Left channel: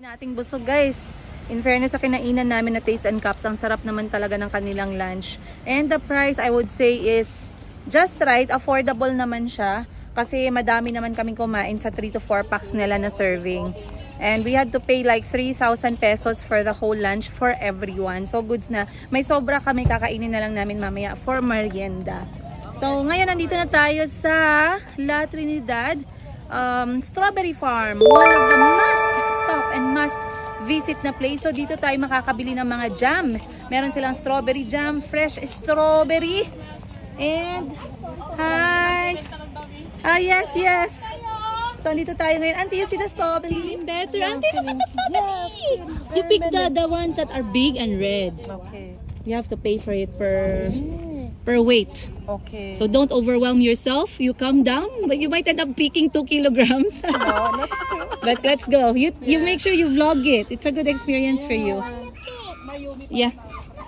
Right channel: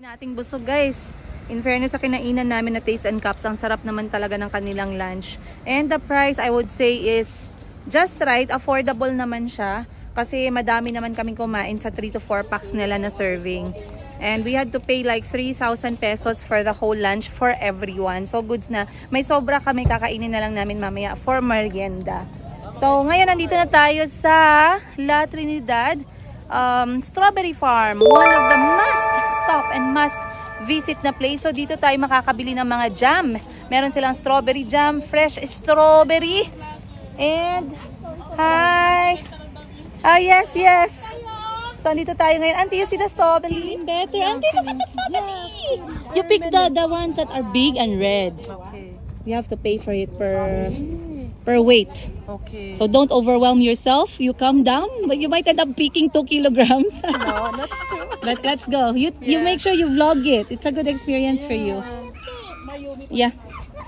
Nating busog guys. In fairness sa kinainan namin na Taste and Cups, ang sarap naman talaga ng kanilang lunch. And the price I would say is just right, affordable naman siya. Kasi madami naman kaming kumain sa 3 to 4 packs nila na serving. And we had to pay like 3,000 pesos for the whole lunch for everyone. So goods na. May sobra kami, kakainin na lang namin mamaya for merienda. So ngayon nandito na tayo sa La Trinidad Strawberry Farm. One of the must stop and must visit na place. So dito tayo makakabili ng mga jam. Meron silang strawberry jam, fresh strawberry. And hi. Yes, yes. So dito tayo ngayon. Auntie, you see the strawberry? Better. Auntie, look at the strawberry. You pick the ones that are big and red. Okay. You have to pay for it per weight. Okay. So don't overwhelm yourself. You calm down, but you might end up picking 2 kilograms. No, that's true. But let's go. You make sure you vlog it. It's a good experience for you. Yeah.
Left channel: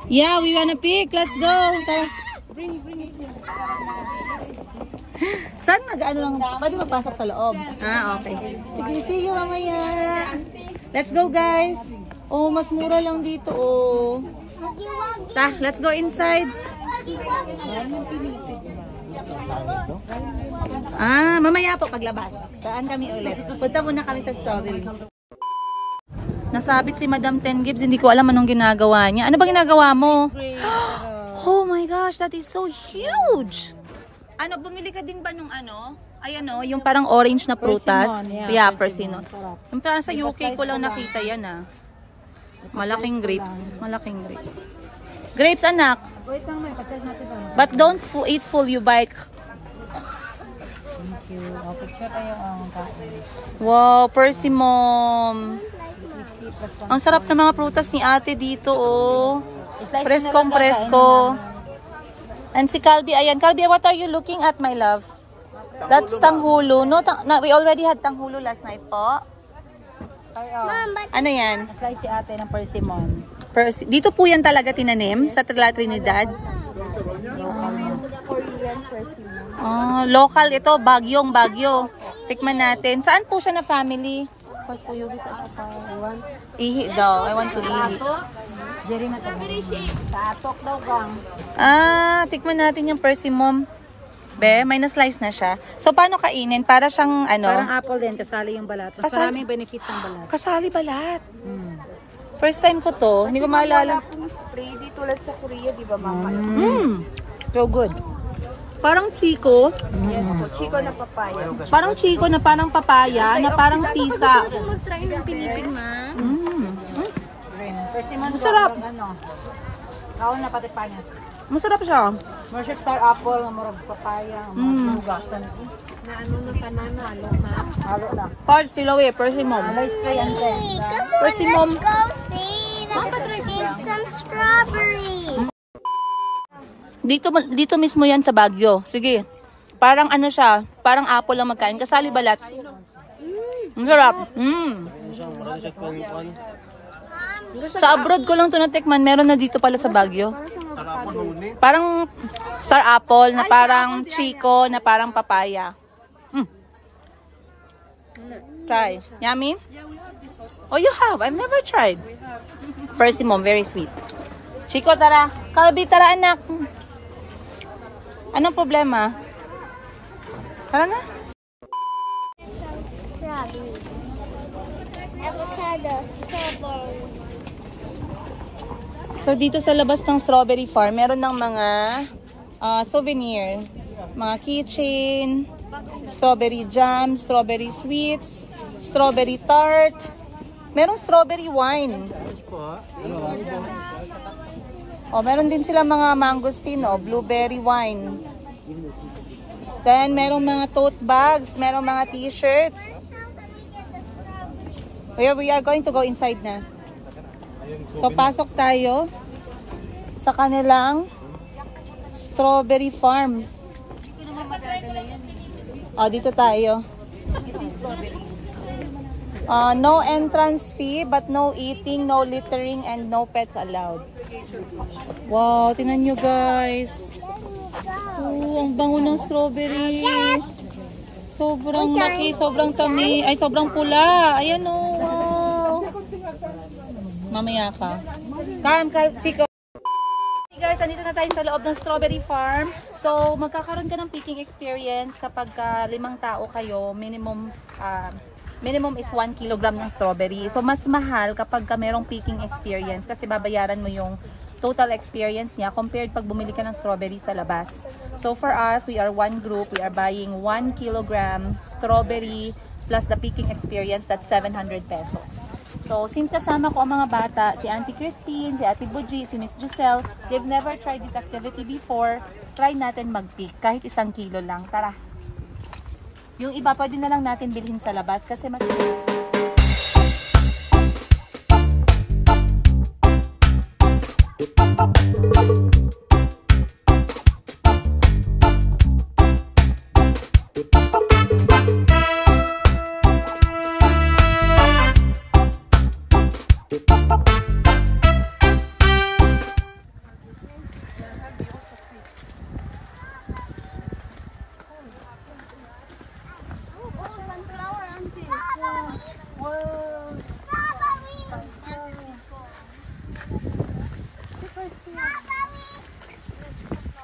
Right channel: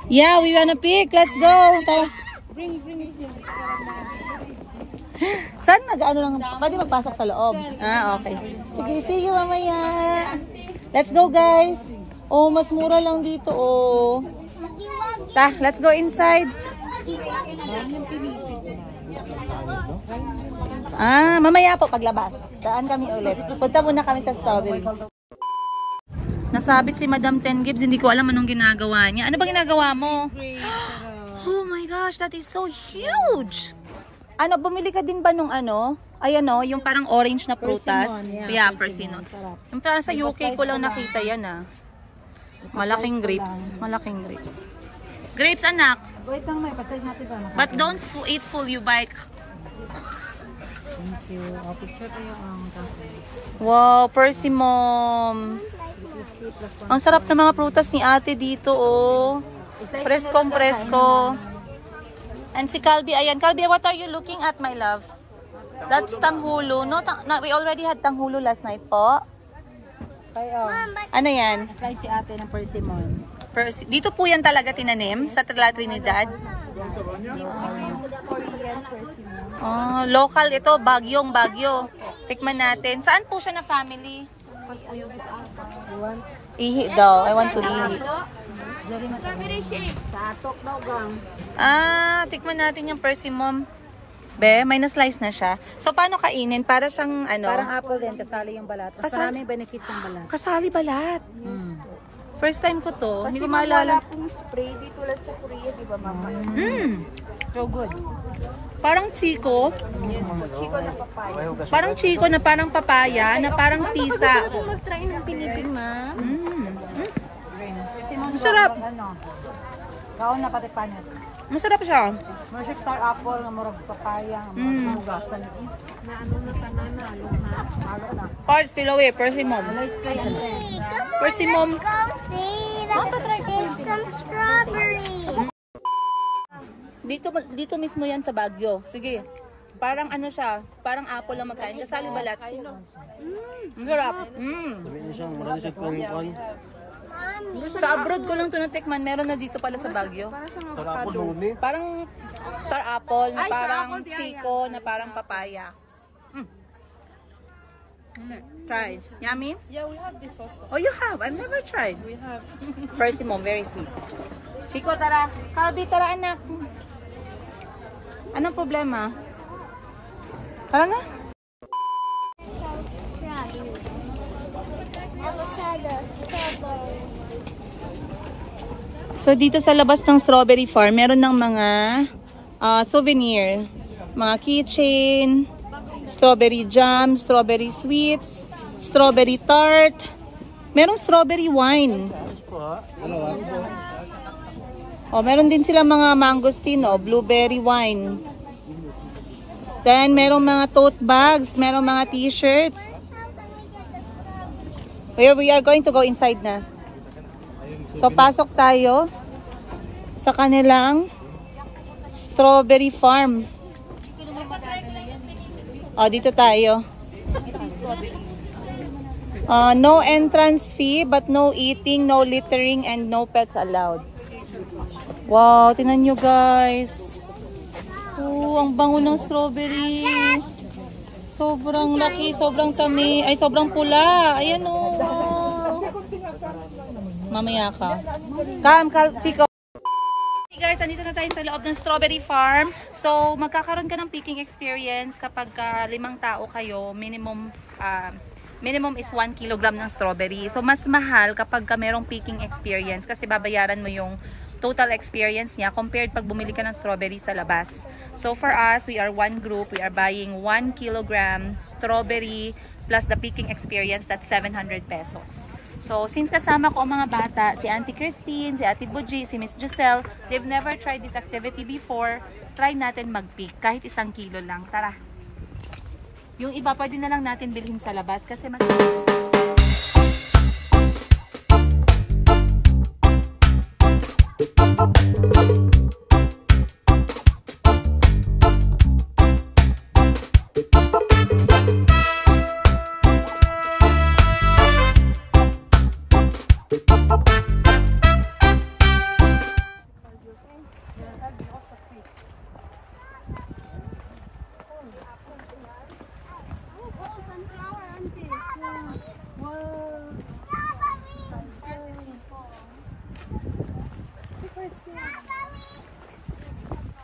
Yeah, we wanna pick. Let's go. Tara. Bring it here. Saan nag-ano lang? Pwede magpasok sa loob. Ah, okay. Sige, see you mamaya. Let's go, guys. Oh, mas mura lang dito, oh. Ta, let's go inside. Ah, mamaya po paglabas. Saan kami ulit? Punta muna kami sa strawberry. Nasabit si Madam 10 Gibbs. Hindi ko alam anong ginagawa niya. Ano ba ginagawa mo? Oh my gosh, that is so huge. Ano, bumili ka din ba nung ano? Ayan o, yung parang orange na prutas. Yeah, persimmon. Yung parang sa UK ko lang nakita yan ah. Malaking grapes. Malaking grapes. Grapes, anak. Wait lang, may pasal natin ba? But don't eat full, you bike. Thank you. Okay, sure tayo ang kain. Wow, persimmon. Ang sarap ng mga prutas ni ate dito, oh. Preskong presko. And si Calby, ayan. Calby, what are you looking at, my love? That's tanghulo. No, we already had tanghulo last night po. Ano yan? Slice si ate ng persimmon. Dito po yan talaga tinanim sa La Trinidad. Korean persimmon. Local ito, Bagyo. Tikman natin. Saan po siya na family? Ihi daw. I want to ihi. Sa atok daw gang. Tikman natin yung persimmon. Be, may na-slice na siya. So, paano kainin? Para siyang ano? Parang apple din, kasali yung balat. Mas maraming benefits ang balat. Kasali balat. First time ko to. Hindi ko maalala. Spray dito ulit sa Korea, di ba mama? So good. Parang chiko. Yes, chiko na papaya. Parang chiko na parang papaya, na parang tisa. Mag-try ng pinipig, ma'am. Persimmon. Masarap. Ano? Kaon na pati panyat. Masarap siya. More star apple, murag papaya, murag hugasan. Na ano ni kanan halo na. Parts still away, persimmon. Let's try and then. Persimmon. Go see some strawberry. Dito mismo yan sa Baguio. Sige. Parang ano siya, parang apple lang magkain. Kasali balat. Masarap. Sa abroad ko lang ito natikman. Meron na dito pala sa Baguio. Parang star apple na parang chico na parang papaya. Try. Yummy? Yeah, we have this also. Oh, you have? I've never tried. We have. Persimmon, very sweet. Chico, tara. Calby, tara anak. Anong problema? Tara na. Some strawberry. Avocado, strawberry. So, dito sa labas ng strawberry farm, meron ng mga souvenir. Mga keychain, strawberry jam, strawberry sweets, strawberry tart. Merong strawberry wine. Oh, meron din sila mga mangosteen, blueberry wine. Then, merong mga tote bags, merong mga t-shirts. We are going to go inside na. So, pasok tayo sa kanilang strawberry farm. Dito tayo. No entrance fee, but no eating, no littering, and no pets allowed. Wow, tingnan nyo guys. Ang bango ng strawberry. Sobrang laki, sobrang tamis. Ay, sobrang pula. Ayan o. Wow. Mamaya ka. Chico. Hey guys, andito na tayo sa loob ng strawberry farm. So, magkakaroon ka ng picking experience kapag 5 tao kayo. Minimum is 1 kilogram ng strawberry. So, mas mahal kapag merong picking experience kasi babayaran mo yung total experience niya compared pag bumili ka ng strawberry sa labas. So, for us, we are one group. We are buying 1 kilogram strawberry plus the picking experience, that's 700 pesos. So, since kasama ko ang mga bata, si Auntie Christine, si Ate Buji, si Miss Giselle, they've never tried this activity before, try natin mag-pick kahit 1 kilo lang. Tara! Yung iba, pwede na lang natin bilhin sa labas kasi mas...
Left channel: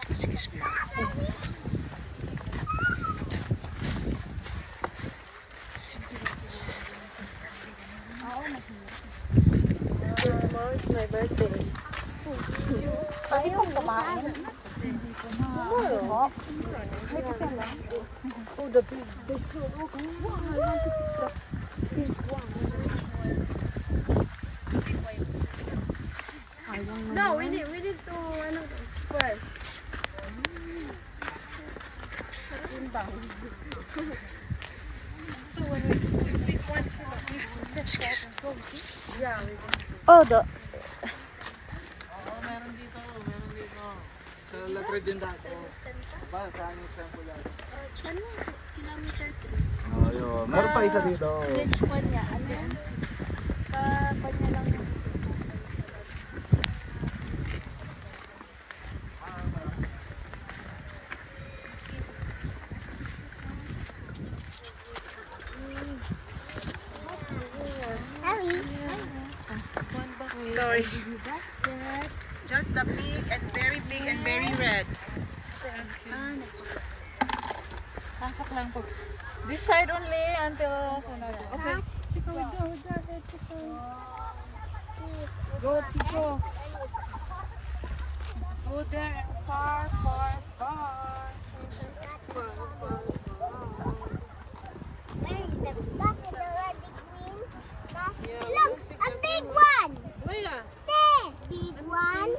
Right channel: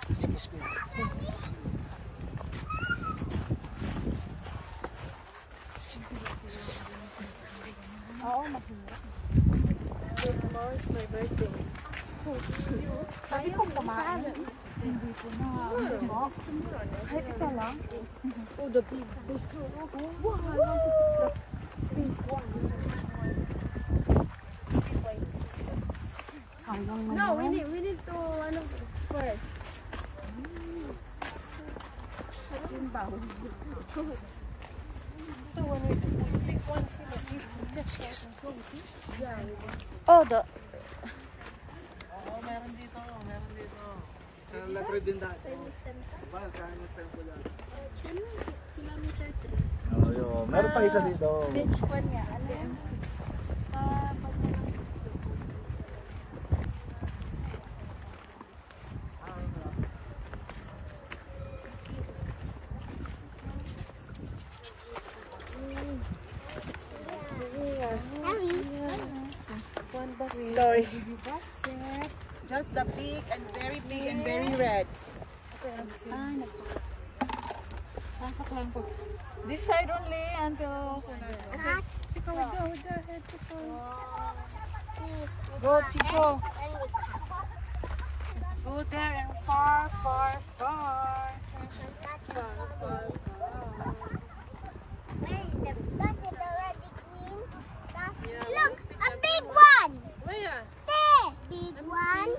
Excuse me. Tomorrow is my birthday. Ayaw kumain. Hindi ko na. Ay, isa lang. Oh, the big. This one. Oh, wow. I want to pick the pink one. No, we need to first. So when we pick one, yeah, we can. Oh, the... Meron dito. Sa La Tridenda. Ba, saan yung temple yan? Kilometer 3. Oh, yun. Meron pa isa dito. Which one niya? Kanya lang. Sorry. Just the big and very red. Pasok lang po. This side only until... Okay. Chico, we go ahead, Chico. Go, Chico. Go there and far. Where is the bucket already green? Look, a big one. Where? There, big one.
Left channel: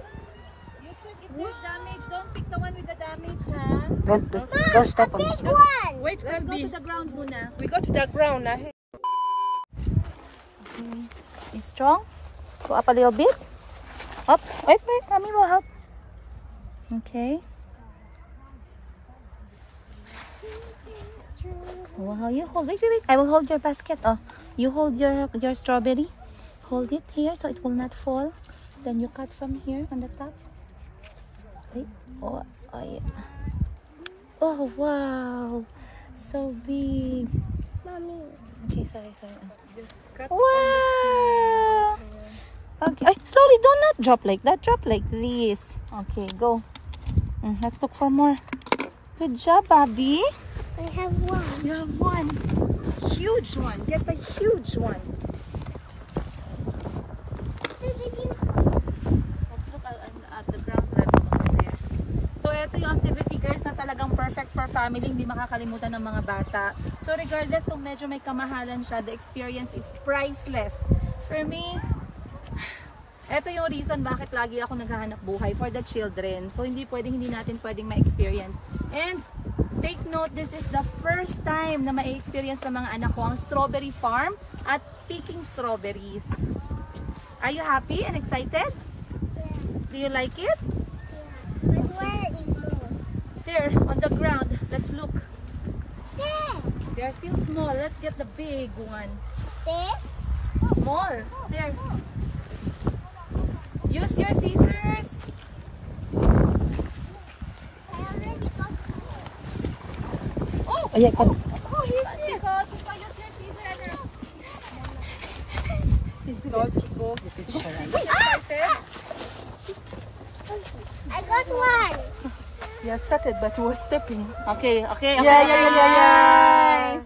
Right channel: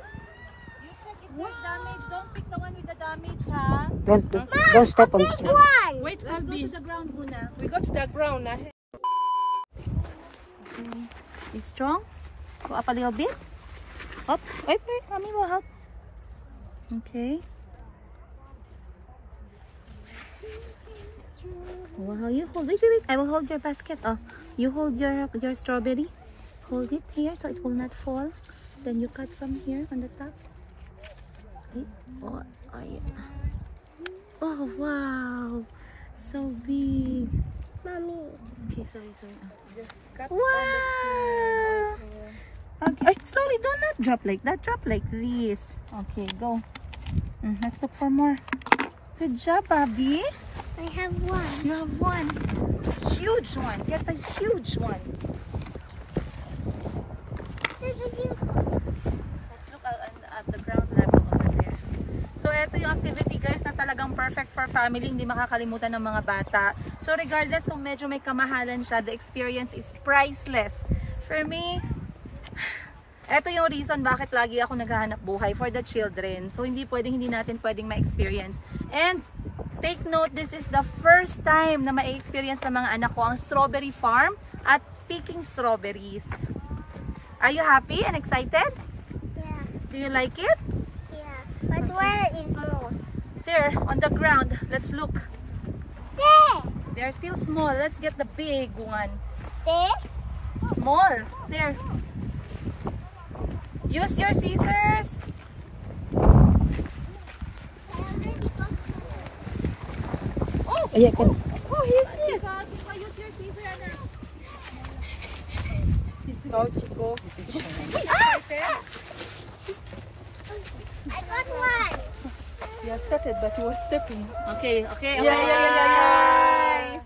You check if there's damage. Don't pick the one with the damage, ha? Don't stop on the Big street. one. Wait, let's go to the ground muna. We go to the ground. Okay. Be strong. Go up a little bit. Up. Wait. Mommy will help. Okay. Well, you hold. Wait. I will hold your basket. Oh, you hold your strawberry. Hold it here so it will not fall. Then you cut from here on the top. Wait. Oh, yeah. Oh, wow. So big. Mommy. Okay, sorry. Just cut Wow! Okay, slowly, do not drop like that. Drop like this. Okay, go. Let's look for more. Good job, Bobby. I have one. You have one. Huge one. Get the huge one. Let's look at the ground level over there. So, ito yung activity, guys, na talagang perfect for family. Hindi makakalimutan ng mga bata. So, regardless kung medyo may kamahalan siya, the experience is priceless. For me, ito yung reason bakit lagi ako naghahanap buhay for the children. So, hindi natin pwedeng ma-experience. And, take note, this is the first time na ma-experience ng mga anak ko ang strawberry farm at picking strawberries. Are you happy and excited? Yeah. Do you like it? But where is more? There, on the ground. Let's look. There. They are still small. Let's get the big one. There. Small. There. Use your scissors. Ayan, Oh, here's it. Chico, use your scissors. I got one. Yeah, started, but he was stepping. Okay. Yes.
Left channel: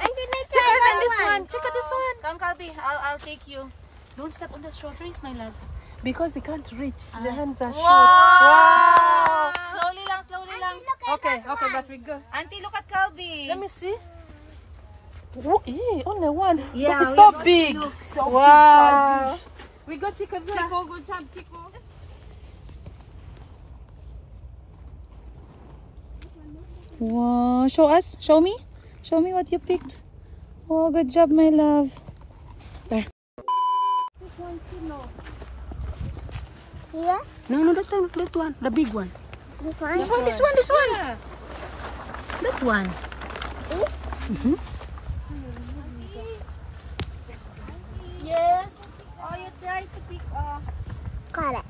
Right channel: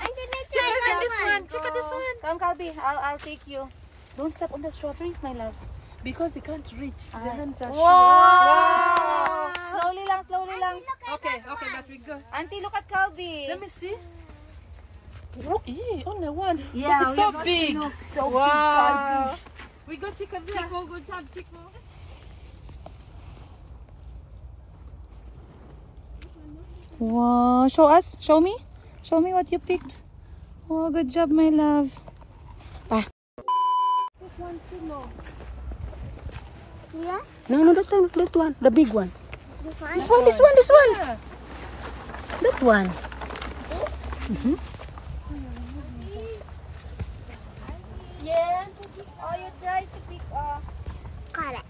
Auntie, may try This one. one. Check out this one. Come, Calbi. I'll take you. Don't step on the strawberries, my love. Because they can't reach. The hands are short. Wow! Slowly lang. Okay, but we go. Auntie, look at Calbi. Let me see. Oh, only one. Yeah, But it's we so got big. two. So big. We got chicken there. Chico, good job, Chico. Wow, show me what you picked. Oh, good job, my love. Yeah? No, that one, the big one. This one? This one. That one. Yes. Oh, you tried to pick Got it.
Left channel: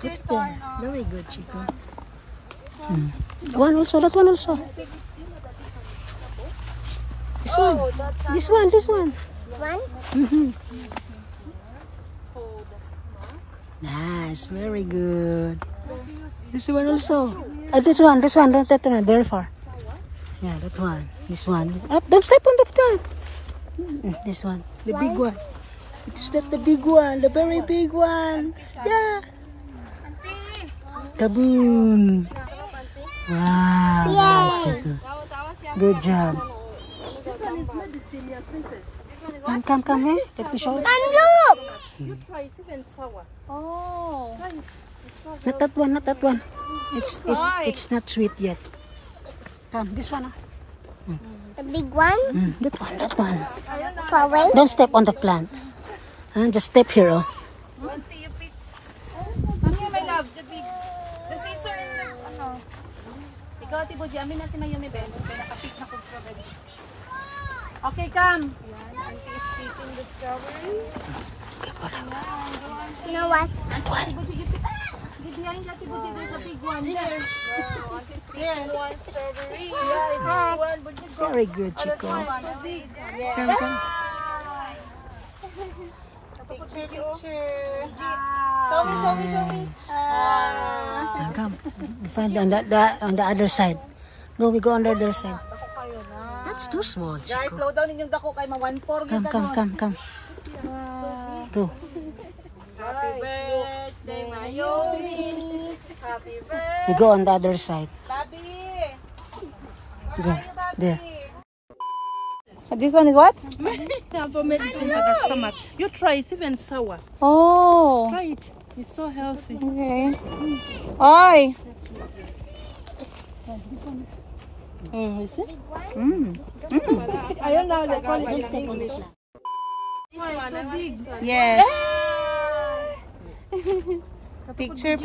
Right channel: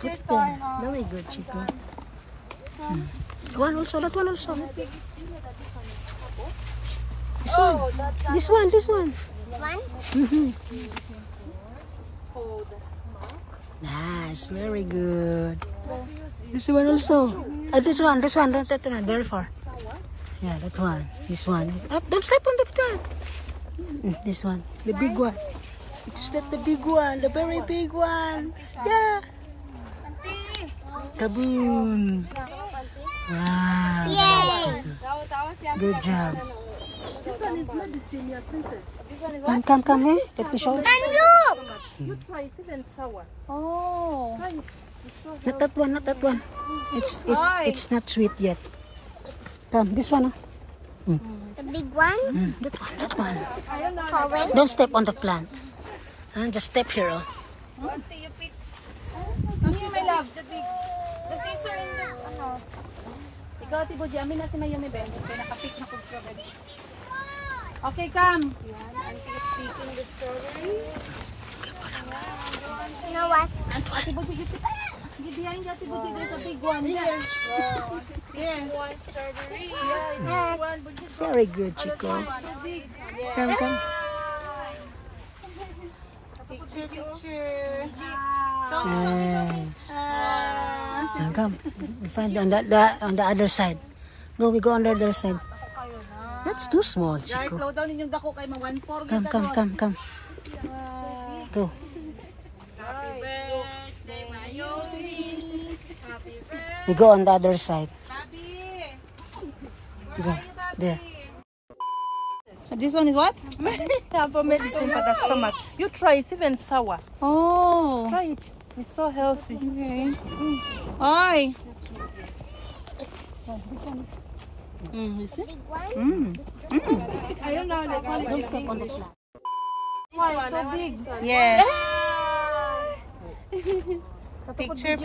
Put it there. Very good, Chico. That one also. This one. One? Nice, very good. This one also. This one. Don't that one. Very far. Yeah, that one. This one. Up, don't step on that one. This one. The big one. It's that the big one. The very big one. Yeah. Taboon. Wow. Nice. Okay. Good job. Come here. Let me show. And look! Oh. Not that one. It's not sweet yet. Come, this one. The big one? That one. Far away? Don't step on the plant. Just step here. Here, my love. The scissor and the Ikaw, Ate Buji. Amin na si Mayumi Ben. Kaya nakapick na kong strawberry. Okay, come. Auntie is picking the strawberry. You know what? Ate Buji, give behind Ate Buji. There's a big one. Wow, Auntie's picking one strawberry. Very good, Chico. Come. Nice. Come. We find on the other side. We go on the other side. That's too small, Guys, Chico. slow down ninyong dako kay ma-1-4. Come. Go. Happy birthday, Mayumi. Happy birthday. We go on the other side. Bobby! Go. There. This one is what? Have a medicine for the stomach. You try. It's even sour. Oh. Try it. It's so healthy. Okay. Ay! You see? Yes. Picture.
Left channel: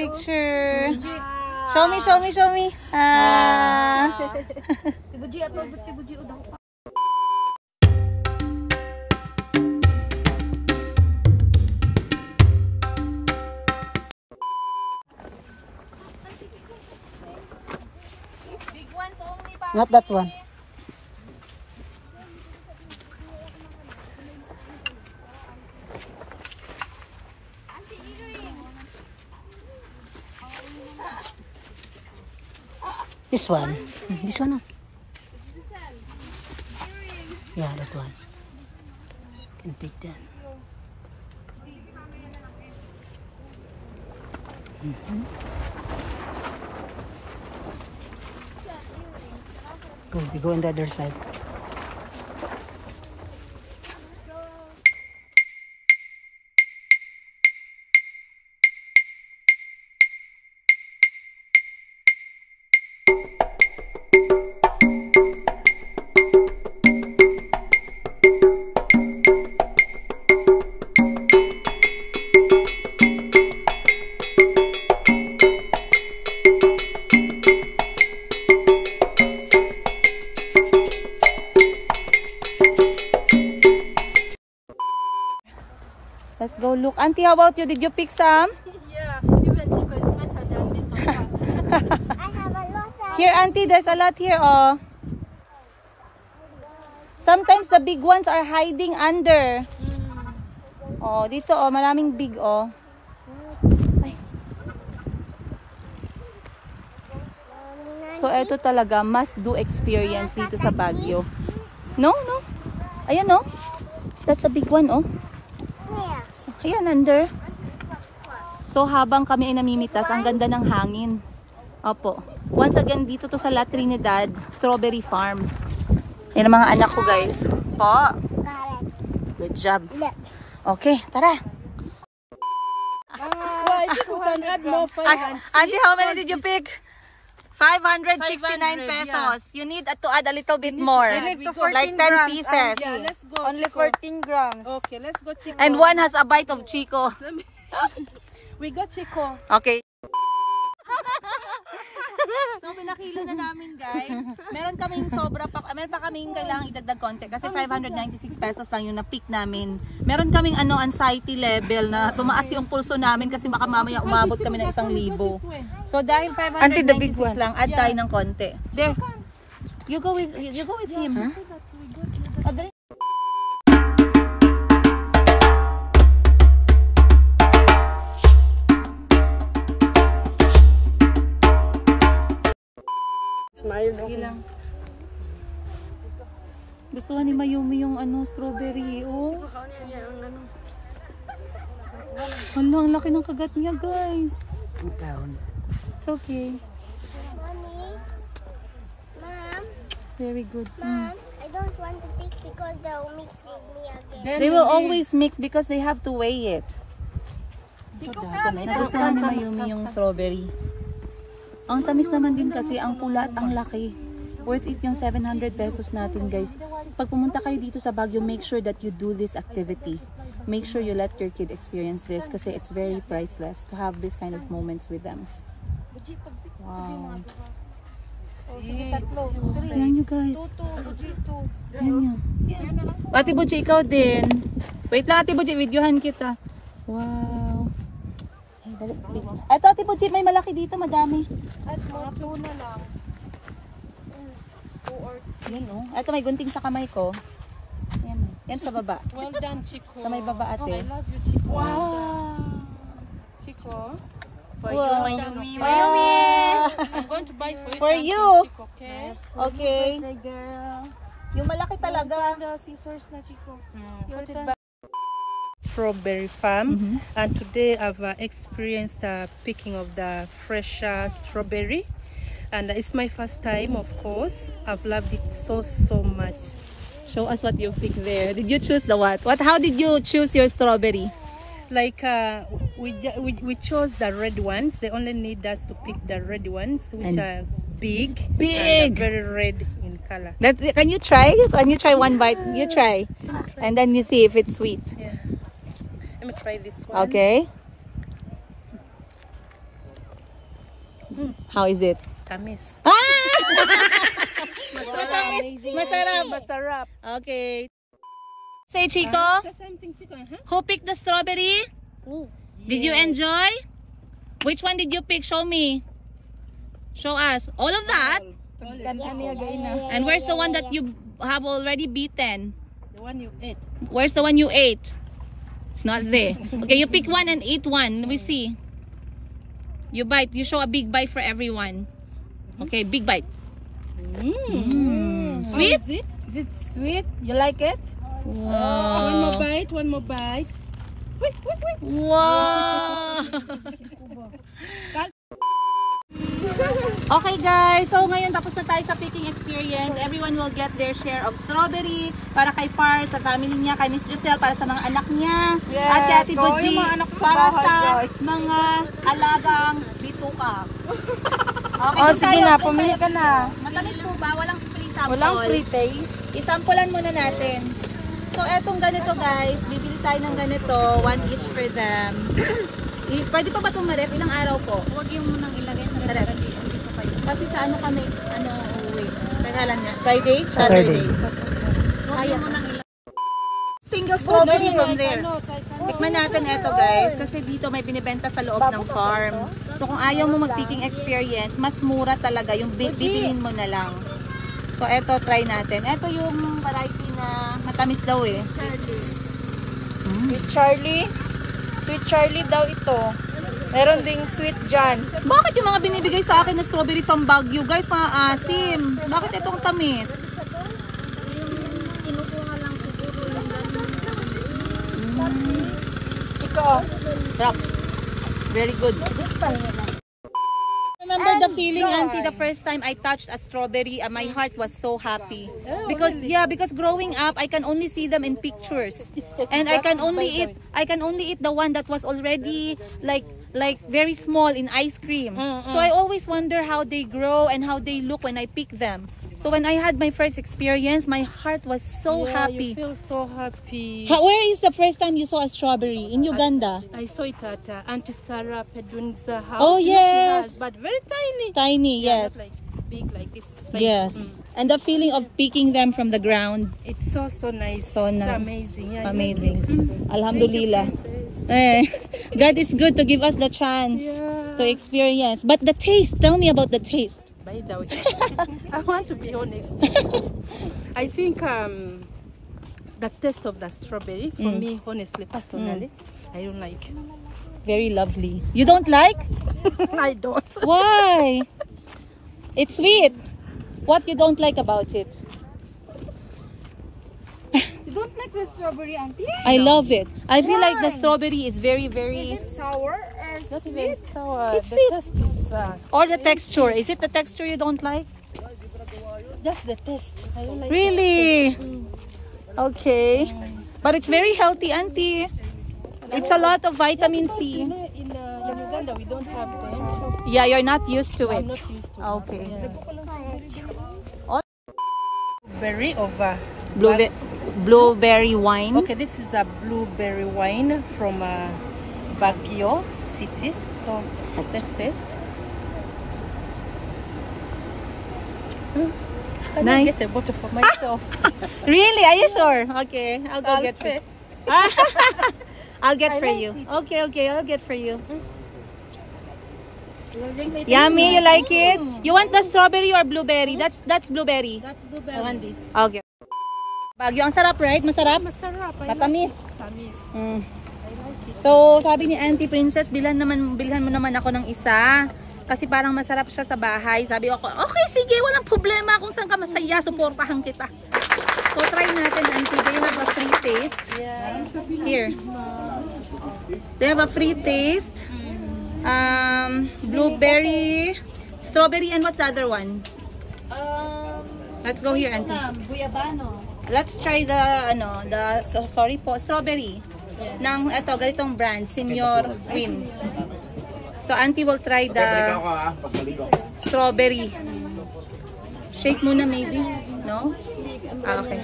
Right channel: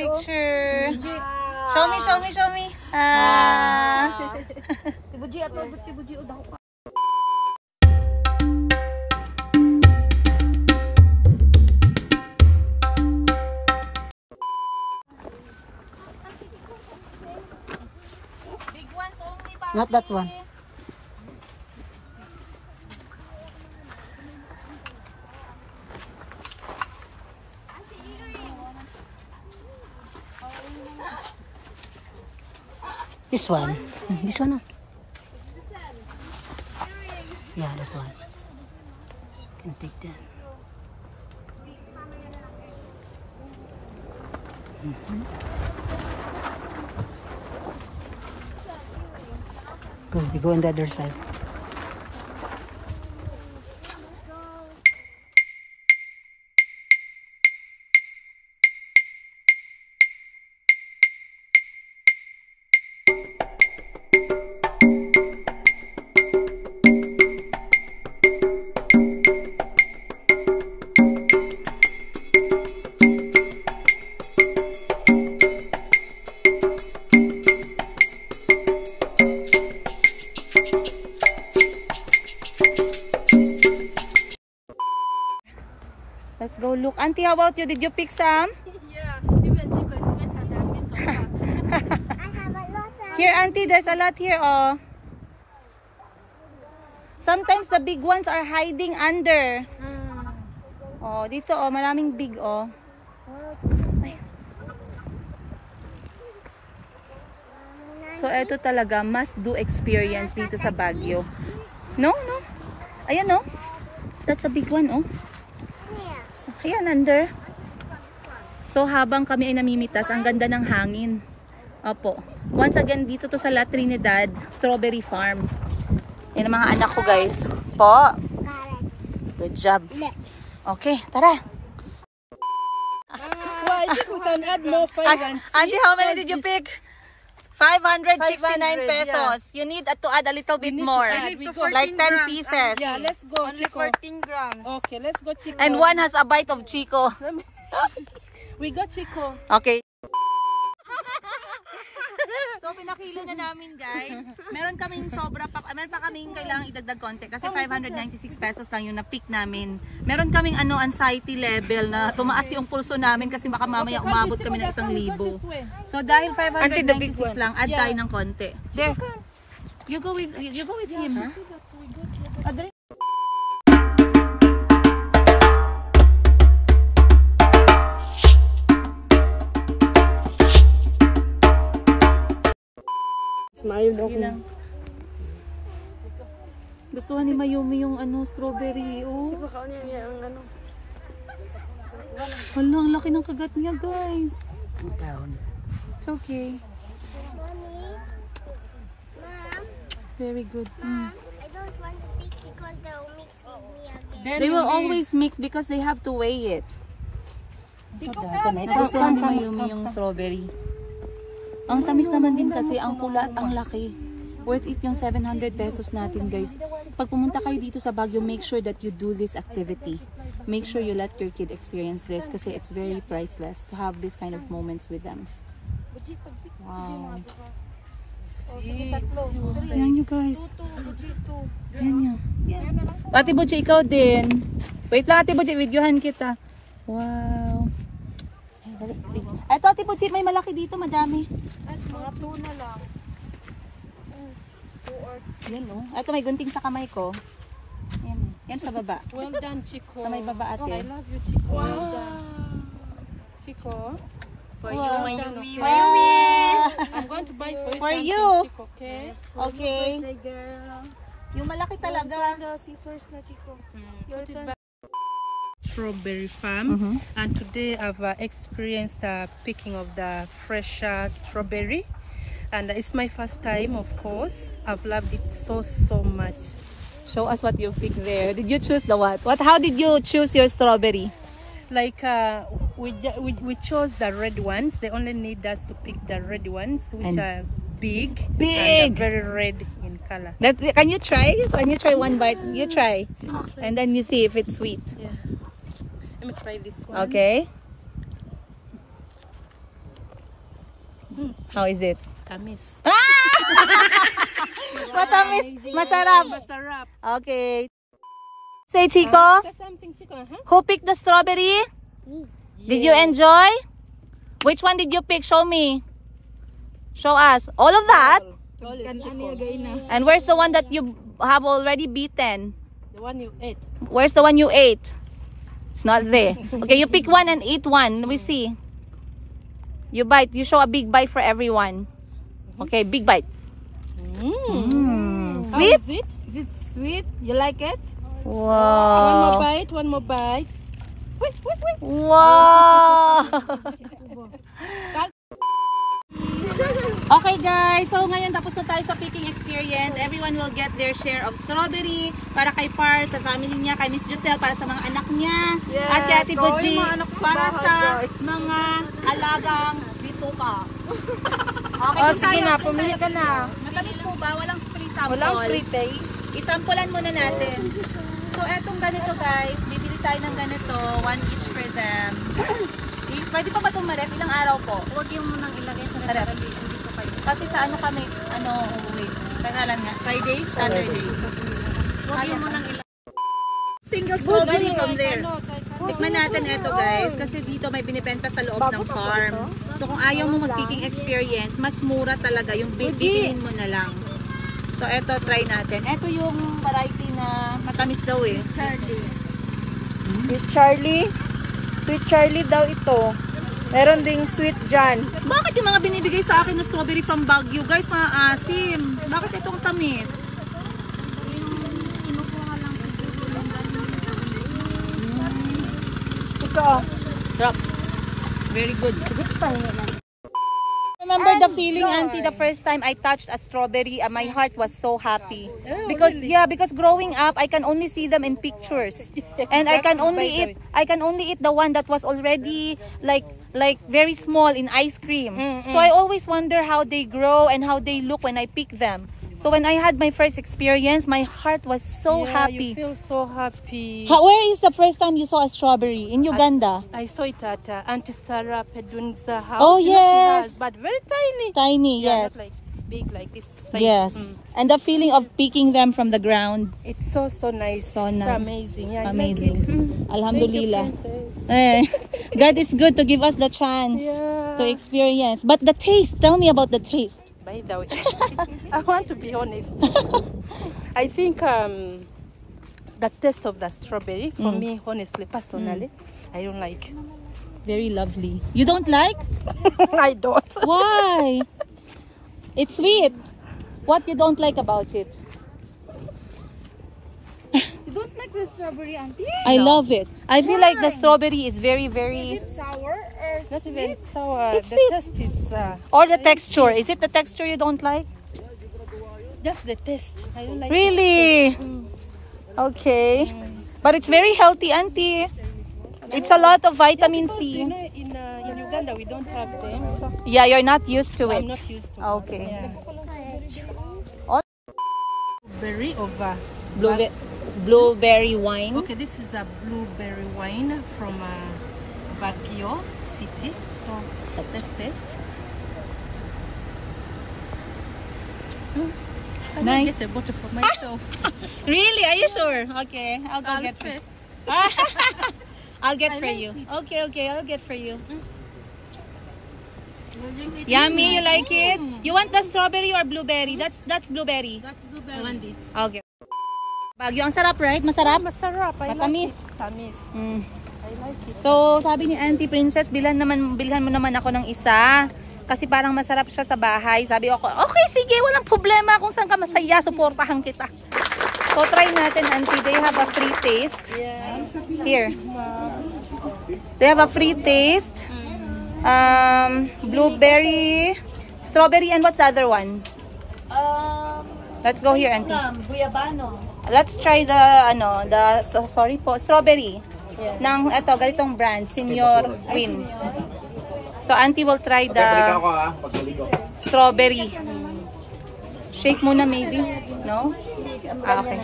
Show me. Big ones only, Bobby. Not that one. This one. This one. Yeah, that one. You can pick that. We go on the other side. Let's go look. Auntie, how about you? Did you pick some? Yeah, even Chico is better than this one. I have a lot of... Here, Auntie, there's a lot here. Oh. Sometimes the big ones are hiding under. Oh, dito oh, maraming big oh. Ay. So ito talaga must do experience dito sa Baguio. No, no. Ayan oh. That's a big one oh. So, ayan under. So habang kami ay namimitas, ang ganda ng hangin. Opo. Once again, dito to sa La Trinidad Strawberry Farm. Yan ang mga anak ko guys. Po. Good job. Okay, tara. Well, I think we can add more 5 and 6. Auntie, how many did you pick? 569 pesos. You need to add a little bit more. Like 10 pieces. Yeah, let's go. Only Chico. 14 grams. Okay, let's go, Chico. And one has a bite of Chico. We got Chico. Okay. So pinakilo na namin guys. Meron kaming sobra pa, meron pa kaming kailangang idagdag konti kasi 596 pesos lang yung na-pick namin. Meron kaming anxiety level na tumaas yung pulso namin kasi baka mamaya umabot kami ng 1,000. So dahil 596 lang, add tayo ng konti. You go with him. Lang. Gusto ni Mayumi yung strawberry. Oh. Hala, ang laki ng kagat niya, guys. It's okay. Mommy, Mom, Very good. Mom, I don't want to pick because they'll mix with me again. They will always mix because they have to weigh it. Nagustuhan ni Mayumi yung strawberry. Ang tamis naman din kasi, ang pula at ang laki. Worth it yung 700 pesos natin guys. Pag pumunta kayo dito sa Baguio, make sure that you do this activity. Make sure you let your kid experience this kasi it's very priceless to have this kind of moments with them. Wow. Yan nyo guys. Yan nyo. Ate Buji, ikaw din. Wait lang Ate Buji, videohan kita. Wow. Ito Ate Buji, may malaki dito, madami. At mga tuna lang. Yan oh. Ito may gunting sa kamay ko. Yan oh. Yan sa baba. Well done, Chico. Sa may baba ate. Oh, I love you, Chico. Well done. Chico. For you, Mayumi. I'm going to buy For you. Chico, okay? Okay. Yung malaki talaga. The scissors na, Chico. Strawberry farm, and today I've experienced the picking of the fresh strawberry, and it's my first time. Of course, I've loved it so much. Show us what you picked there. Did you choose the what? How did you choose your strawberry? Like we chose the red ones. They only need us to pick the red ones, which are big and very red in color. Can you try? Can you try one bite? You try, and then you see if it's sweet. Yeah. Let me try this one. Okay. How is it? Tamis. Matamis. Masarap. Masarap. Okay. Say Chico. Something, Chico, huh? Who picked the strawberry? Me. Did you enjoy? Which one did you pick? Show me. Show us. All of that? And where's the one that you have already beaten? The one you ate. Where's the one you ate? It's not there. Okay, you pick one and eat one. We see. You bite. You show a big bite for everyone. Okay, big bite. Sweet? Is it? Is it sweet? You like it? Wow. One more bite. One more bite. Wait. Wow. Okay guys, so ngayon tapos na tayo sa picking experience. Everyone will get their share of strawberry para kay Part, sa family niya, kay Miss Giselle, para sa mga anak niya, at kay Ate Buji, para sa mga alagang bituka. Okay, Sige na, pumili ka na. matamis po ba? Walang free sample. Walang free taste. Isampulan muna natin. So etong ganito guys, bibili tayo ng ganito, 1 each for them. Pwede pa ba itong marep? Ilang araw po? Huwag yung sa rep. Kasi sa ano kami, uuwi. Teka lang nga. Friday? Saturday. Kaya pa. Single strawberry from there. Tikman natin ito guys. Kasi dito may binibenta sa loob ng farm. So kung ayaw mo mag-picking experience, mas mura talaga. Yung bibilin mo na lang. So ito, try natin. Ito yung variety na matamis daw eh. Sweet Charlie. Sweet Charlie daw ito. Meron ding sweet John. Bakit yung mga binibigay sa akin na strawberry from Baguio? Guys, maasim. Bakit itong tamis? Rock. Very good. Remember the feeling, Auntie, the first time I touched a strawberry, my heart was so happy. Because because growing up, I can only see them in pictures, and I can only eat the one that was already like very small in ice cream. So I always wonder how they grow and how they look when I pick them. So when I had my first experience, my heart was so happy. You feel so happy. Where is the first time you saw a strawberry? In Uganda? I saw it at Auntie Sarah Pedun's house. Oh, You know, she yes. has, but very tiny. Tiny, Yeah, yes. not like big like this size. Yes. And the feeling of picking them from the ground. It's so nice. So It's nice. amazing. Yeah, I Amazing. Like it. Alhamdulillah. Thank you, princess. God is good to give us the chance to experience. But the taste, tell me about the taste. By the way, I want to be honest. I think the taste of the strawberry, for me, honestly, personally, I don't like. Very lovely. You don't like? I don't. Why? It's sweet. What you don't like about it? You don't like the strawberry, Auntie? I love it. I feel like the strawberry is very, very... Is it sour or Not sweet? even sour. It's The sweet. taste is Or the texture. Is it the texture you don't like? just the taste. I don't like. Really? Okay. But it's very healthy, Auntie. It's a lot of vitamin You C. know, in Uganda, we don't have them. So Yeah, you're not used to I'm it. not used to Okay. it. All- Berry of Blueberry wine. Okay, this is a blueberry wine from Baguio City. So let's taste. Can I Nice. get a bottle for myself? Really? Are you sure? Okay, I'll go get pay. it. I'll get for you. Okay, I'll get for you. Yummy, you like it? You want the strawberry or blueberry? That's blueberry. That's blueberry. I want this. Okay. Baguio, ang sarap, right? Masarap? Masarap. I Matamis. like it. Tamis. Mm. I like it. So, sabi ni Auntie Princess, bilhan mo naman ako ng isa. Kasi parang masarap siya sa bahay. Sabi ko, okay, sige, walang problema. Kung saan ka masaya, suportahan kita. So, try natin, Auntie. They have a free taste. Yeah. Here. They have a free taste. Blueberry, strawberry, and what's the other one? Let's go here, Auntie. Guyabano. Let's try the strawberry. Yeah. Nang ito, ganitong brand, Senior Win. So, Auntie will try the strawberry. Shake muna maybe, no? Okay.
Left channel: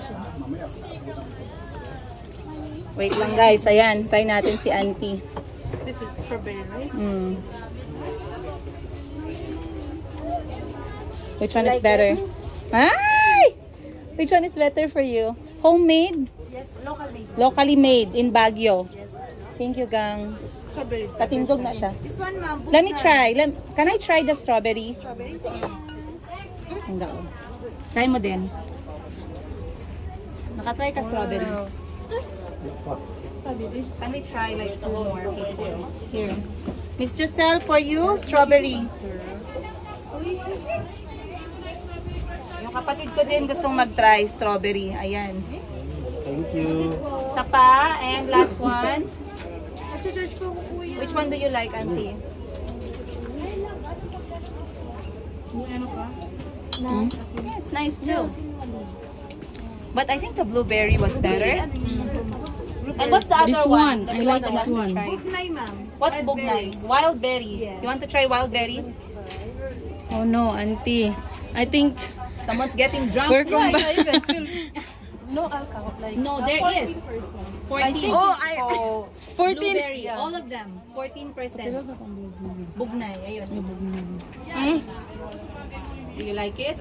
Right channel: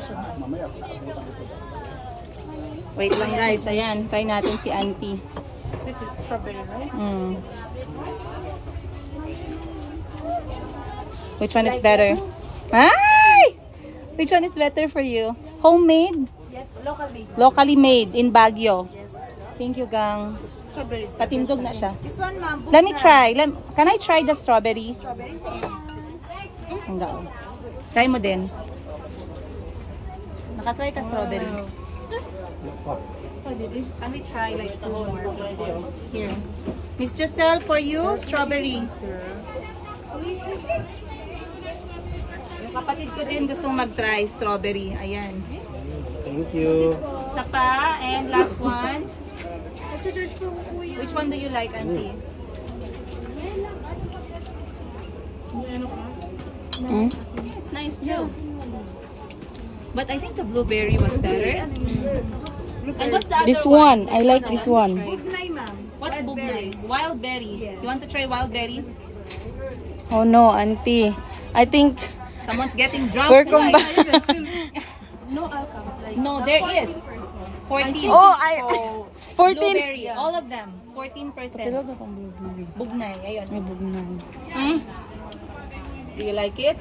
Wait lang guys, ayan, try natin si Auntie. This is strawberry, right? Which one is better? Ay! Which one is better for you? Homemade? Yes, local made. Locally made in Baguio. Thank you, gang. Strawberry. Katindog na siya. This one, ma'am. Let me try. Can I try the strawberry? Strawberries. Ang gao. Try mo din. Nakatry ka strawberry. Can we try like two more? Here. Miss Giselle, for you, strawberry. Yung kapatid ko din gustong mag-try strawberry. Ayan. Thank you. Isa pa. And last one. Which one do you like, Auntie? Mm? Yeah, it's nice too. But I think the blueberry was better. And what's the other This one, I like that this you one. want to try? Bugnay, ma'am. What's bugnay? Wild berry. You want to try wild berry? Oh no, Auntie. I think Someone's getting drunk. we're tonight. No alcohol. Like No, there is. 14. Oh, 14. Blueberry, all of them. 14%. Bugnay, ayun. Do you like it?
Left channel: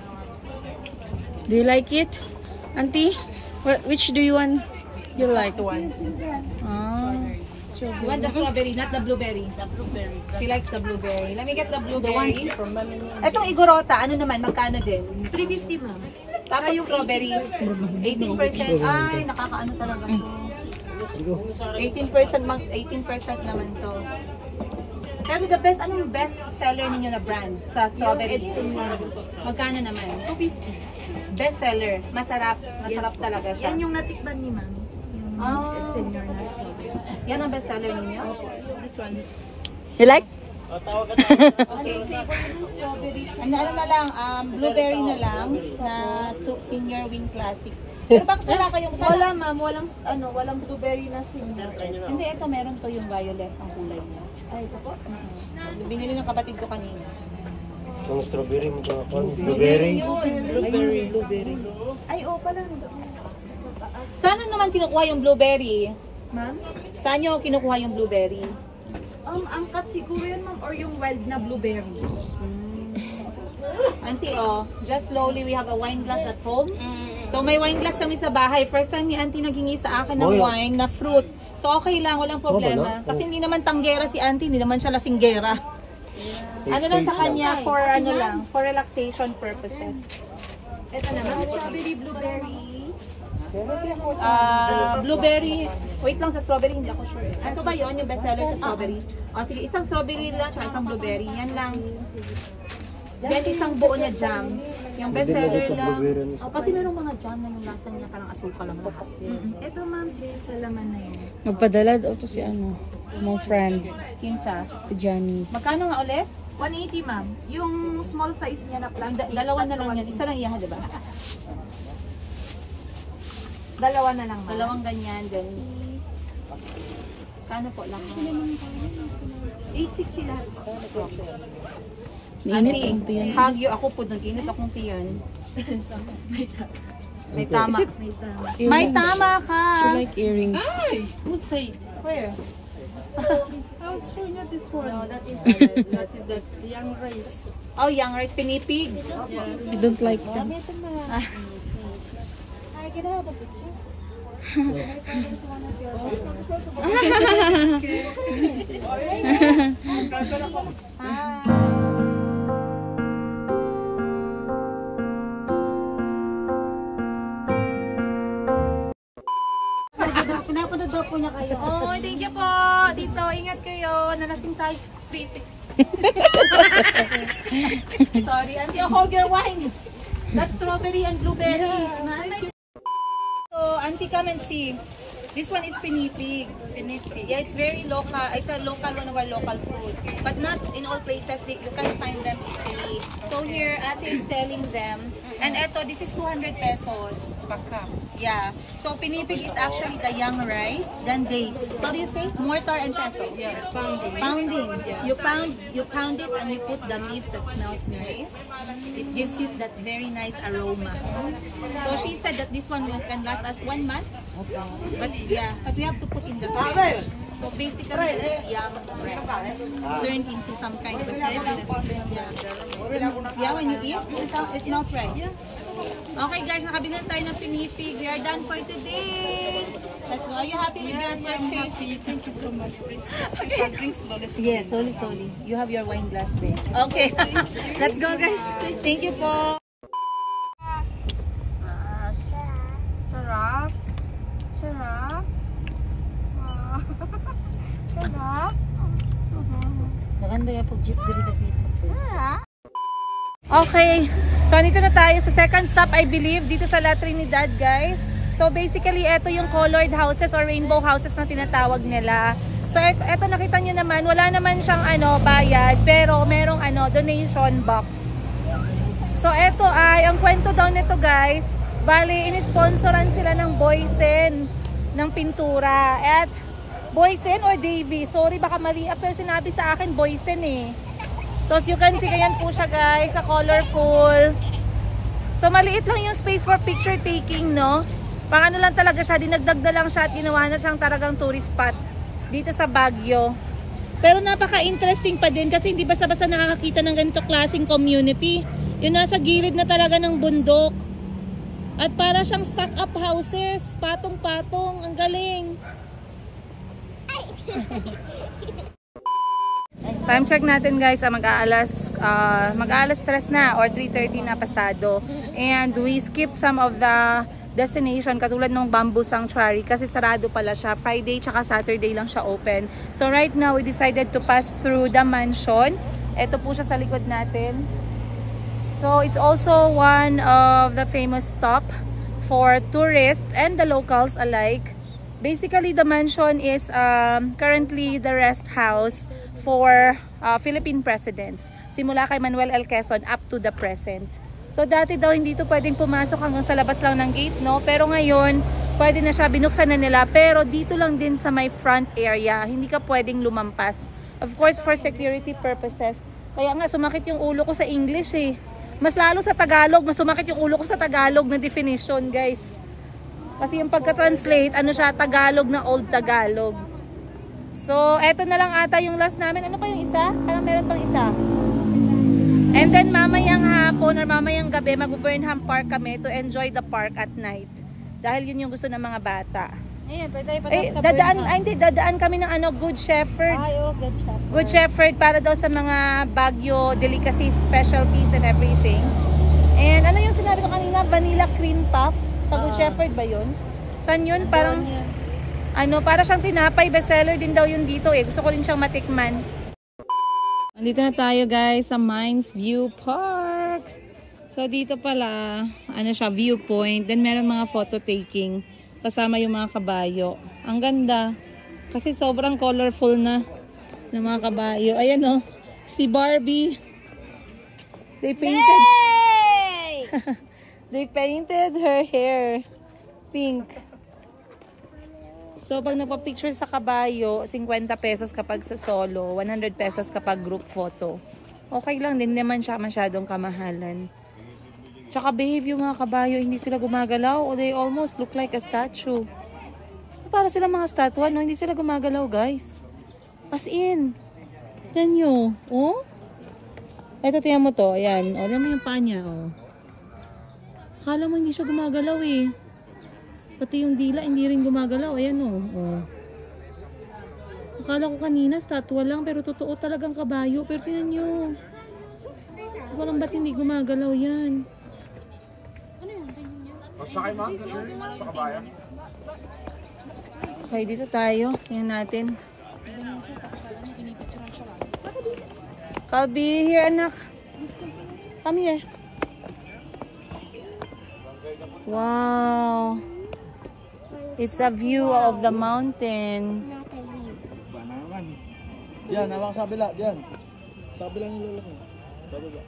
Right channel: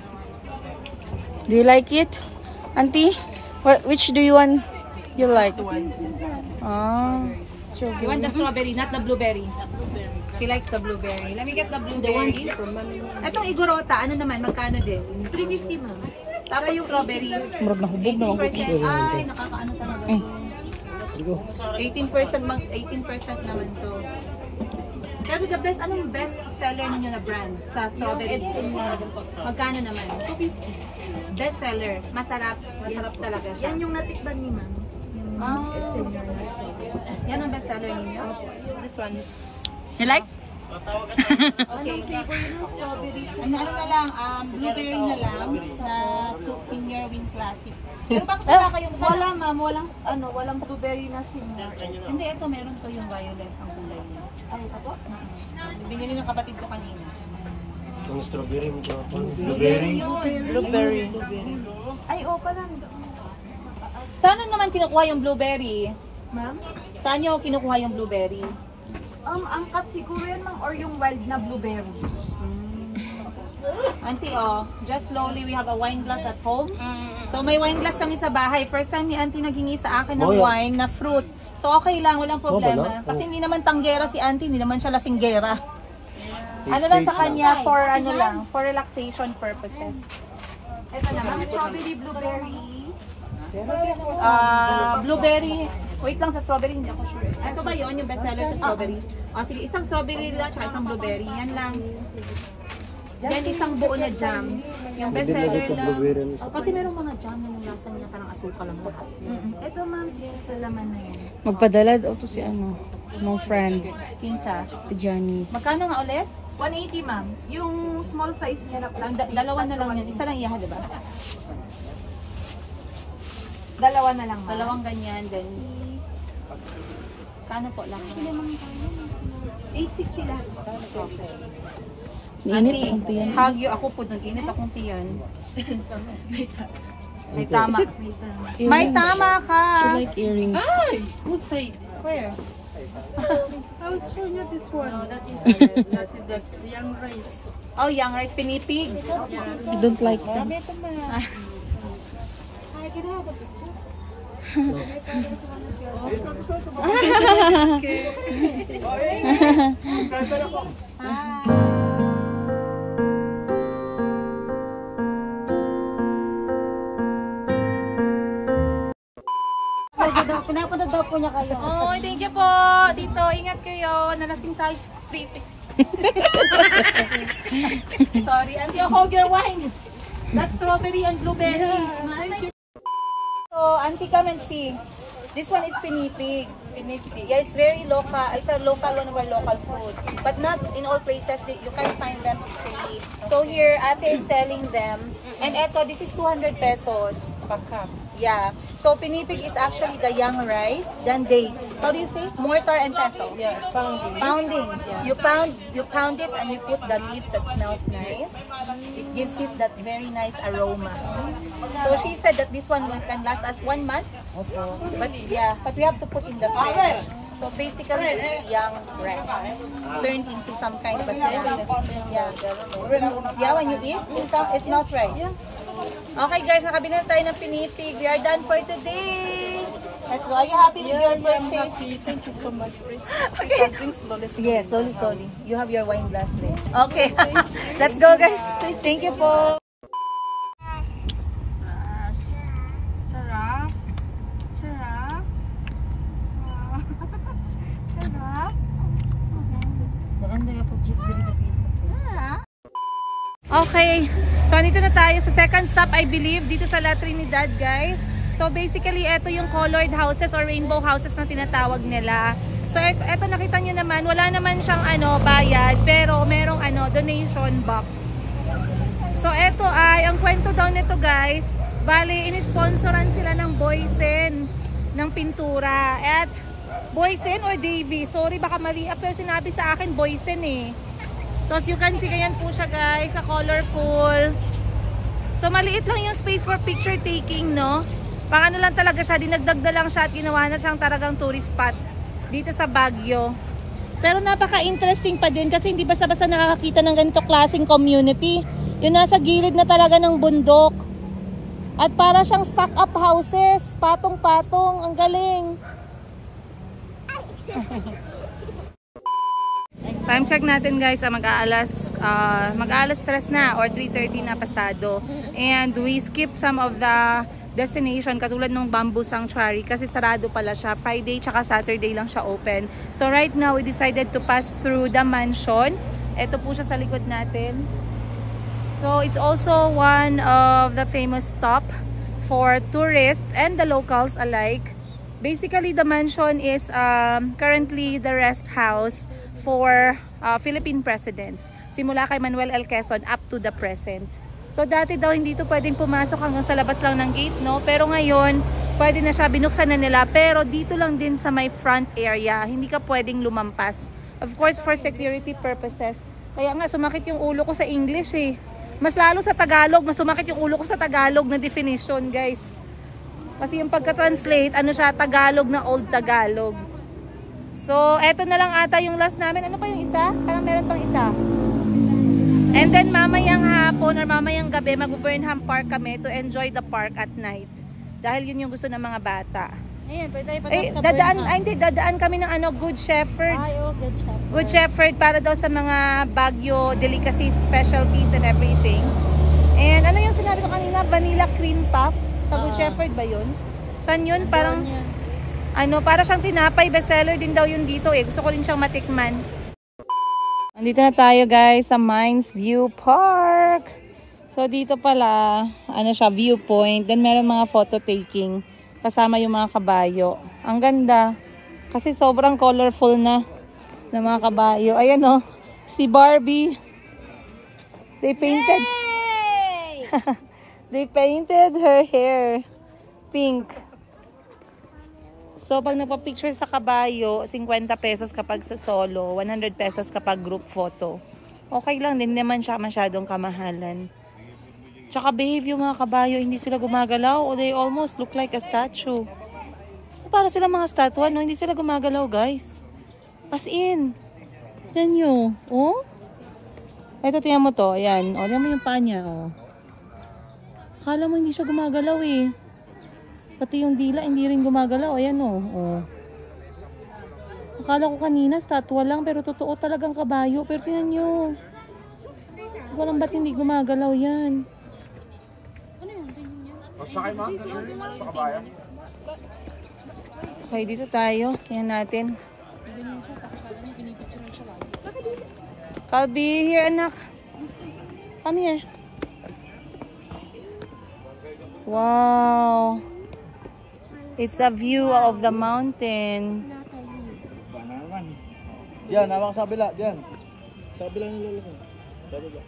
Do you like it, Auntie? Which do you want? You like? one. You want the strawberry, not the blueberry. The blueberry. She likes the blueberry. Let me get the blueberry. Etong igorota, ano naman, magkano din? 350, ma'am. Tapos strawberry. 18%. Ay, nakakaano talaga to. 18% naman to. Pero the best, anong best seller ninyo na brand sa strawberry? Magkano naman? 250. Best seller. Masarap. Masarap talaga siya. Yan yung natikman ni ma'am. Yung senior na strawberry. Yan ang best seller ninyo? This one. You like? Okay. Ano na lang, blueberry na lang na senior wing classic. Pero bakit wala kayong Wala ma'am, walang blueberry na senior. Hindi, ito meron ko yung violet ang kulay niya. Ay, ito po? Binili ng kapatid ko kanina. Yung strawberry mo ito. Blueberry yun. Blueberry. Ay, pala. Saan naman kinukuha yung blueberry? Ma'am? Saan nyo kinukuha yung blueberry? Ang cut siguro yan ma'am, or yung wild na blueberry. Auntie, just slowly, we have a wine glass at home. So may wine glass kami sa bahay. First time ni Auntie naghingi sa akin ng wine na fruit. So okay lang, walang problema. Kasi hindi naman tanggera si Auntie, hindi naman siya lasinggera. Ano lang sa kanya, for relaxation purposes. Ito naman, strawberry, blueberry. Blueberry. Wait lang sa strawberry, hindi ako sure. Ito ba yon yung bestseller sa strawberry? Sige, isang strawberry lang, tsaka isang blueberry. Yan lang. Yan isang buo na jam. Yung bestseller lang. Kasi merong mga jam na yung lasa niya parang asukal lang lahat. Ito ma'am, sa laman na yun. Magpadala daw to si mong friend, Kinsa. si Janice. Magkano nga ulit? 180 ma'am. Yung small size niya na plastic. Dalawa na lang yan. Isa lang iyaha, diba? Dalawa na lang ma'am. Dalawang ganyan, then kano po lang? 860 lahat. Init ang tiyan. Hagyo ako po, nag-init akong tiyan. May tama. May tama ka! She like earrings. Who said? Where? I was showing you this one. No, that is That's young rice. oh, young rice pinipig. You don't like them. Pinapunod daw po niya kayo. Oh, thank you po. Dito, ingat kayo. Nalasing tayo sa street. Sorry, Auntie, I'll hold your wine. That's strawberry and blueberry. So, Auntie, come and see. This one is pinipig. Yeah, it's very local. It's a local, one of our local food. But not in all places. You can find them easily. So here, Ate is selling them. And eto, this is 200 pesos per cup. Yeah. So pinipig is actually the young rice. Then they, how do you say? Mortar and pestle. Yeah, pounding. Pounding. You pound it and you put the leaves that smells nice. It gives it that very nice aroma. So she said that this one can last us 1 month. But yeah, but we have to put in the fridge. So basically, it's young rice turned into some kind of a smell. Yeah. Yeah, when you eat, it smells rice. Okay guys, nakabili na tayo ng pinipig. We are done for today. Let's go. Are you happy with your purchase? Thank you so much. Okay. Drink slowly. Yes, slowly. You have your wine glass there. Okay. Let's go guys. Thank you po. Giraffe. Giraffe. Giraffe. Okay, so nito na tayo sa second stop, I believe, dito sa La Trinidad, guys. So basically, ito yung colored houses or rainbow houses na tinatawag nila. So ito nakita nyo naman, wala naman siyang bayad, pero merong donation box. So ito ay, ang kwento daw nito guys, bali inisponsoran sila ng Boysen ng pintura. At Boysen or Davy, sorry baka mali, pero sinabi sa akin Boysen eh. So as you can see, ganyan po siya guys, na colorful. So maliit lang yung space for picture taking, no? Paano lang talaga siya, dinagdag na lang siya at ginawa na siyang talagang tourist spot dito sa Baguio. Pero napaka-interesting pa din kasi hindi basta-basta nakakakita ng ganito klaseng community. Yung nasa gilid na talaga ng bundok. At para siyang stock-up houses, patong-patong, ang galing. Time check natin guys, mag-aalas 3 na or 3:30 na pasado. And we skipped some of the destination katulad ng Bamboo Sanctuary kasi sarado pala siya. Friday tsaka Saturday lang siya open. So right now, we decided to pass through the mansion. Ito po siya sa likod natin. So it's also one of the famous stop for tourists and the locals alike. Basically, the mansion is currently the rest house for Philippine presidents. Simula kay Manuel L. Quezon up to the present. So dati daw hindi to pwedeng pumasok hanggang sa labas lang ng gate, no? Pero ngayon, pwede na siya, binuksan na nila. Pero dito lang din sa may front area, hindi ka pwedeng lumampas. Of course, for security purposes. Kaya nga, sumakit yung ulo ko sa English eh. Mas lalo sa Tagalog, mas sumakit yung ulo ko sa Tagalog na definition, guys. Kasi yung pagka-translate, ano siya, Tagalog na Old Tagalog. So, eto na lang ata yung last namin. Ano pa yung isa? Parang meron pang isa. And then, mamayang hapon or mamayang gabi, mag-Burnham Park kami to enjoy the park at night. Dahil yun yung gusto ng mga bata. Ayan, pwede tayo dadaan kami ng Good Shepherd. Ay, oh, Good Shepherd. Good Shepherd para daw sa mga Baguio delicacies, specialties and everything. And ano yung sinabi ko kanina? Vanilla cream puff. Sa Good Shepherd ba yun? Saan yun? Parang... para siyang tinapay, bestseller din daw yun dito eh. Gusto ko rin siyang matikman. Andito na tayo guys sa Mines View Park. So dito pala, siya, viewpoint. Then meron mga photo taking kasama yung mga kabayo. Ang ganda. Kasi sobrang colorful na ng mga kabayo. Ayan oh, si Barbie. They painted. They painted her hair pink. So, pag nagpa-picture sa kabayo, 50 pesos kapag sa solo, 100 pesos kapag group photo. Okay lang din naman siya masyadong kamahalan. Tsaka behave yung mga kabayo, hindi sila gumagalaw o they almost look like a statue. Para sila mga statue, no? Hindi sila gumagalaw, guys. As in. Yan nyo. Oh? Ito, tingnan mo to. Ayan. O, tingnan mo yung paa niya. Oh. Akala mo hindi siya gumagalaw eh. Pati yung dila, hindi rin gumagalaw. Ayan o. Oh. Akala ko kanina, statwa lang. Pero totoo talagang kabayo. Pero tingnan nyo. Hindi ko alam ba't hindi gumagalaw yan. Ano yun? Sakay ma? Sa kabayo? Okay, dito tayo. Tingnan natin. Kalbi, here anak. Come here. Wow. It's a view of the mountain. Yan, hawak sa kabila. Yan. Sa kabila yung lulong. Sa kabila.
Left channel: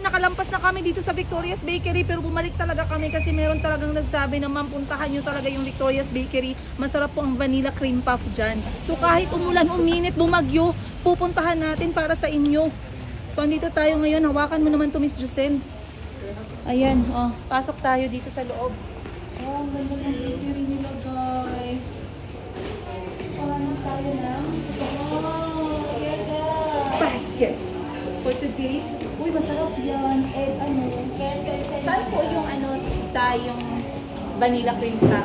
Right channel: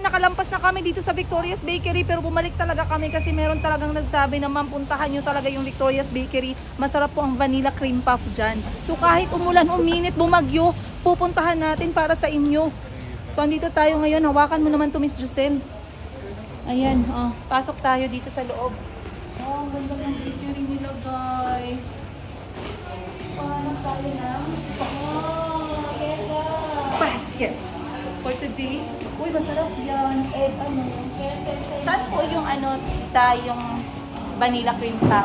Nakalampas na kami dito sa Victoria's Bakery pero bumalik talaga kami kasi meron talagang nagsabi na puntahan nyo talaga yung Victoria's Bakery. Masarap po ang vanilla cream puff dyan. So kahit umulan, uminit, bumagyo, pupuntahan natin para sa inyo. So andito tayo ngayon. Hawakan mo naman to Miss Jusel. Ayan, pasok tayo dito sa loob. Oh, ganda ng bakery nila guys. Parang tayo na. Basket. For today's, uy, masarap yan. Saan po yung yung vanilla cream puff?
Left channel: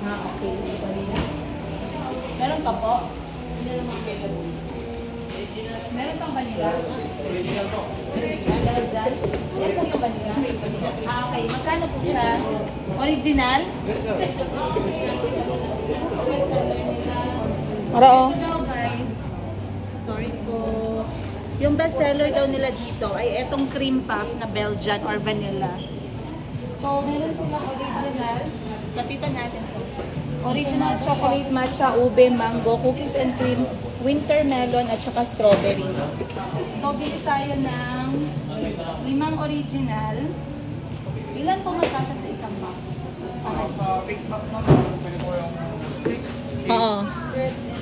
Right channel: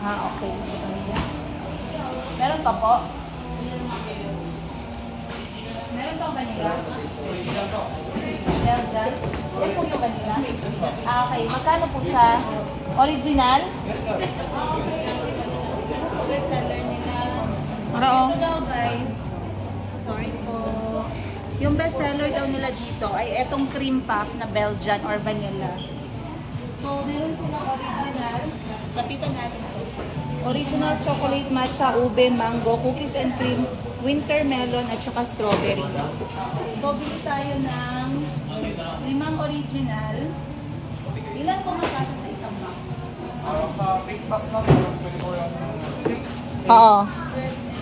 Okay. Meron pa po? Meron pang vanilla? Meron dyan? Yan po yung vanilla? Okay. Magkano po siya? Original? Ito daw guys. Sorry po. Yung best seller daw nila dito ay etong cream puff na Belgian or vanilla. So, meron silang original. Kapitan natin to. Original chocolate matcha, ube, mango, cookies and cream, winter melon at saka strawberry. So, bili tayo ng 5 original. Ilan po magkasya sa isa? Sa big pack na rin, pwede po yung 6. Oo.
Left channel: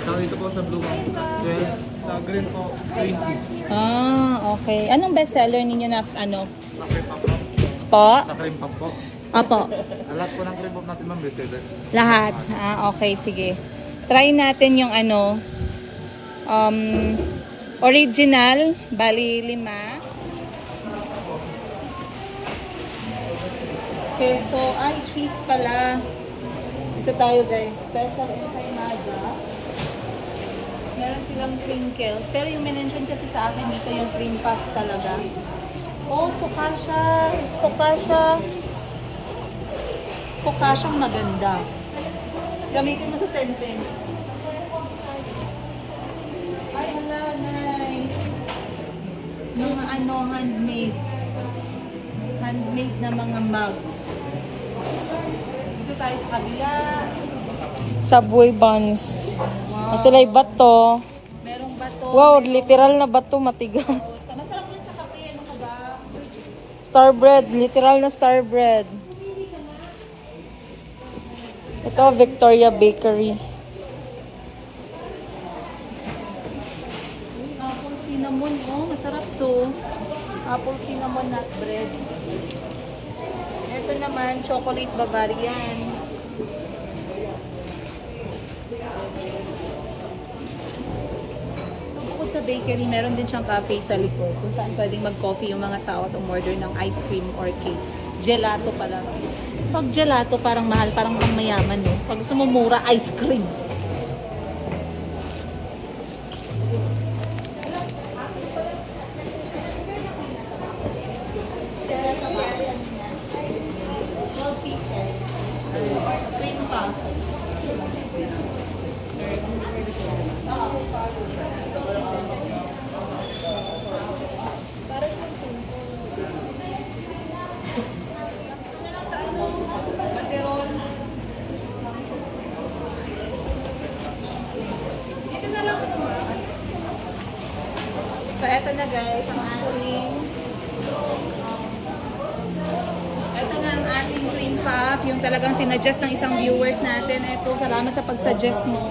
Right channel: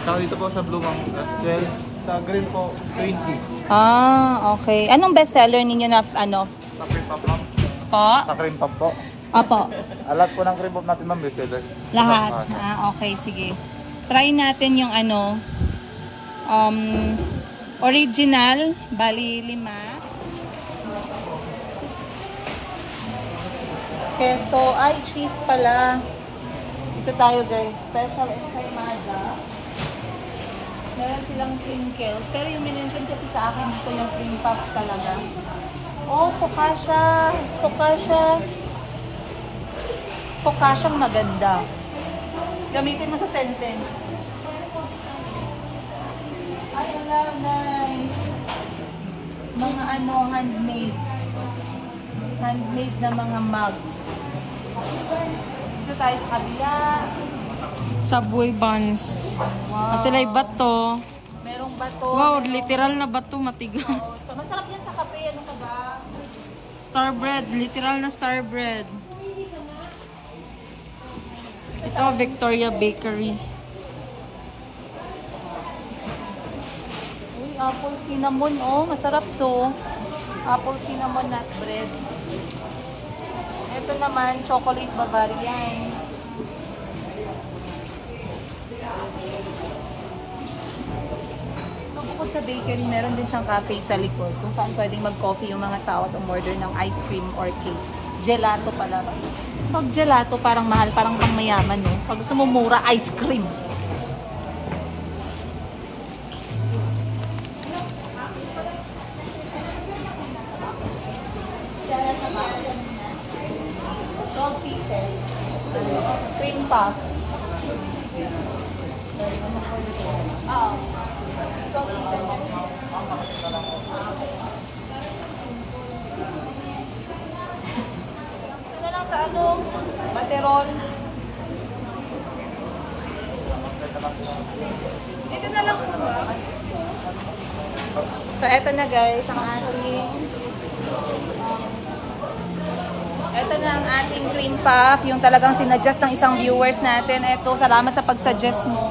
Saka dito po sa blue bang 12. Sa green po, 20. Ah, okay. Anong bestseller ninyo na ano? Sa cream pop ma'am. Po? Sa cream pop po. Opo. Lahat po ng cream pop natin ma'am, bestseller. Lahat. Ah, okay. Sige. Try natin yung ano. Original. Bali 5. Keso. Ay, cheese pala. Ito tayo guys. Special kay Maga. Meron silang crinkles. Pero yung minention kasi sa akin dito yung cream puff talaga. Oh, focaccia. Focaccia. Focacciang maganda. Gamitin mo sa sentence. Ay, wala. Nice. Mga ano, handmade. Handmade na mga mugs. Dito tayo sa kabila. Subway buns. Wow. Sila'y bato. Merong bato. Wow, merong... literal na bato, matigas. Masarap yan sa kape. Ano ka ba? Star bread. Literal na star bread. Ito, Victoria Bakery. Ay, apple cinnamon. Oh, masarap to. Apple cinnamon nut bread. Ito naman, chocolate Bavarian. Sa bakery, meron din siyang cafe sa likod kung saan pwedeng mag-coffee yung mga tao at umorder ng ice cream or cake. Gelato pala. Pag gelato, parang mahal, parang mayaman, no? Pag gusto mo mura, ice cream. Cream puff. Baterol. Dito na lang. So, eto na guys, ang ating cream puff. Yung talagang sinadjust ng isang viewers natin. Eto, salamat sa pag-suggest mo.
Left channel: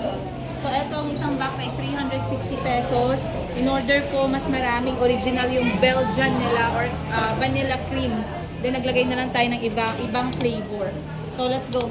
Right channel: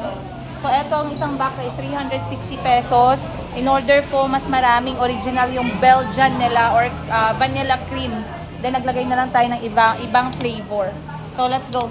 So, eto ang isang box ay 360 pesos. In order po, mas maraming original yung Belgian nila or vanilla cream. Then, naglagay na lang tayo ng ibang flavor. So, let's go.